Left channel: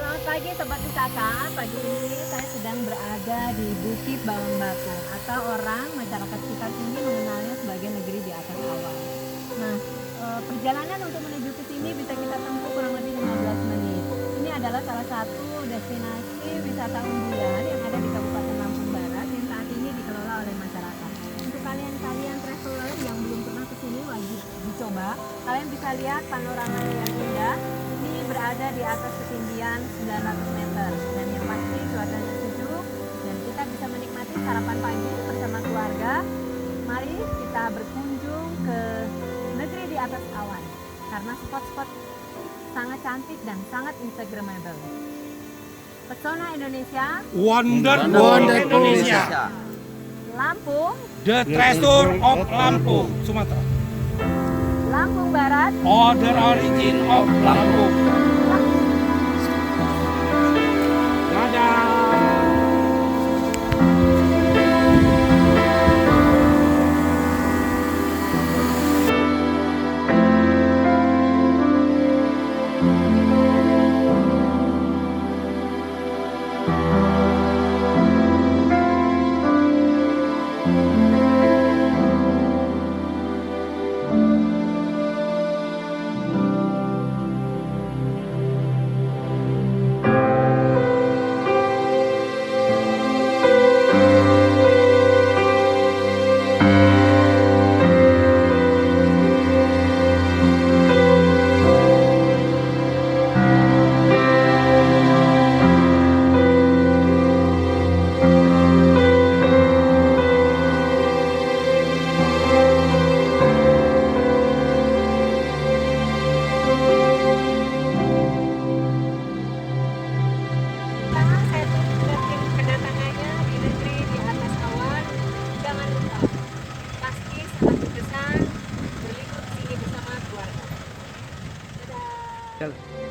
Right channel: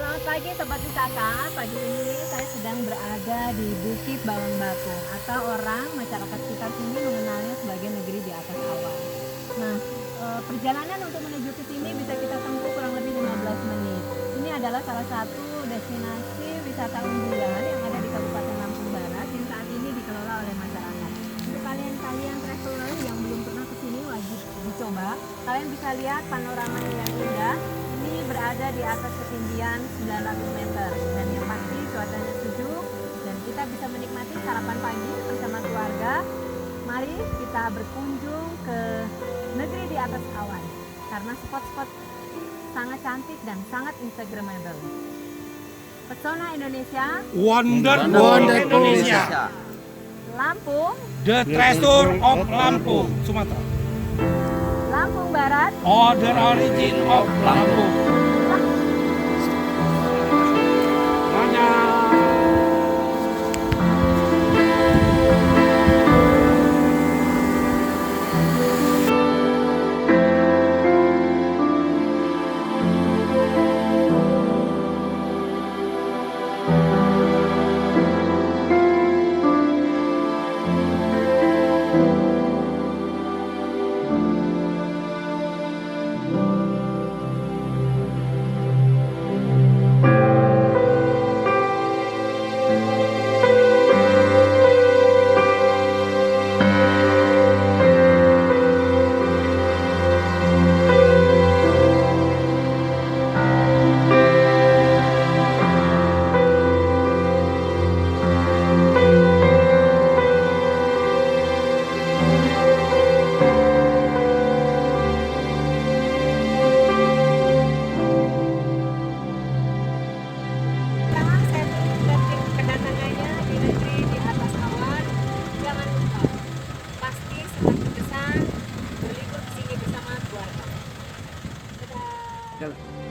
Selamat pagi Sobat Wisata. Pagi ini saya sedang berada di Bukit Bawang Batu atau orang masyarakat sekitar sini mengenalnya sebagai negeri di atas awan. Nah, perjalanan untuk menuju ke sini bisa kita tempuh kurang lebih 15 menit. Ini adalah salah satu destinasi wisata unggulan yang ada di Kabupaten Lampung Barat yang saat ini dikelola oleh masyarakat. Untuk kalian traveler yang belum pernah ke sini wajib dicoba. Kalian bisa lihat panoramanya yang indah. Ini berada di atas ketinggian 900 meter dan yang pasti cuacanya sejuk dan kita bisa menikmati sarapan pagi bersama keluarga. Mari kita berkunjung ke negeri di atas awan karena spot-spot sangat cantik dan sangat instagramable. Pesona Indonesia, Wonderful Indonesia, Lampung, the treasure of Lampung, Sumatera. Lampung Barat, The origin of Lampung. Dadah. Kedatangannya di negeri di atas awan, jangan lupa pasti sangat berkesan berlibur di sini bersama keluarga. Dadah.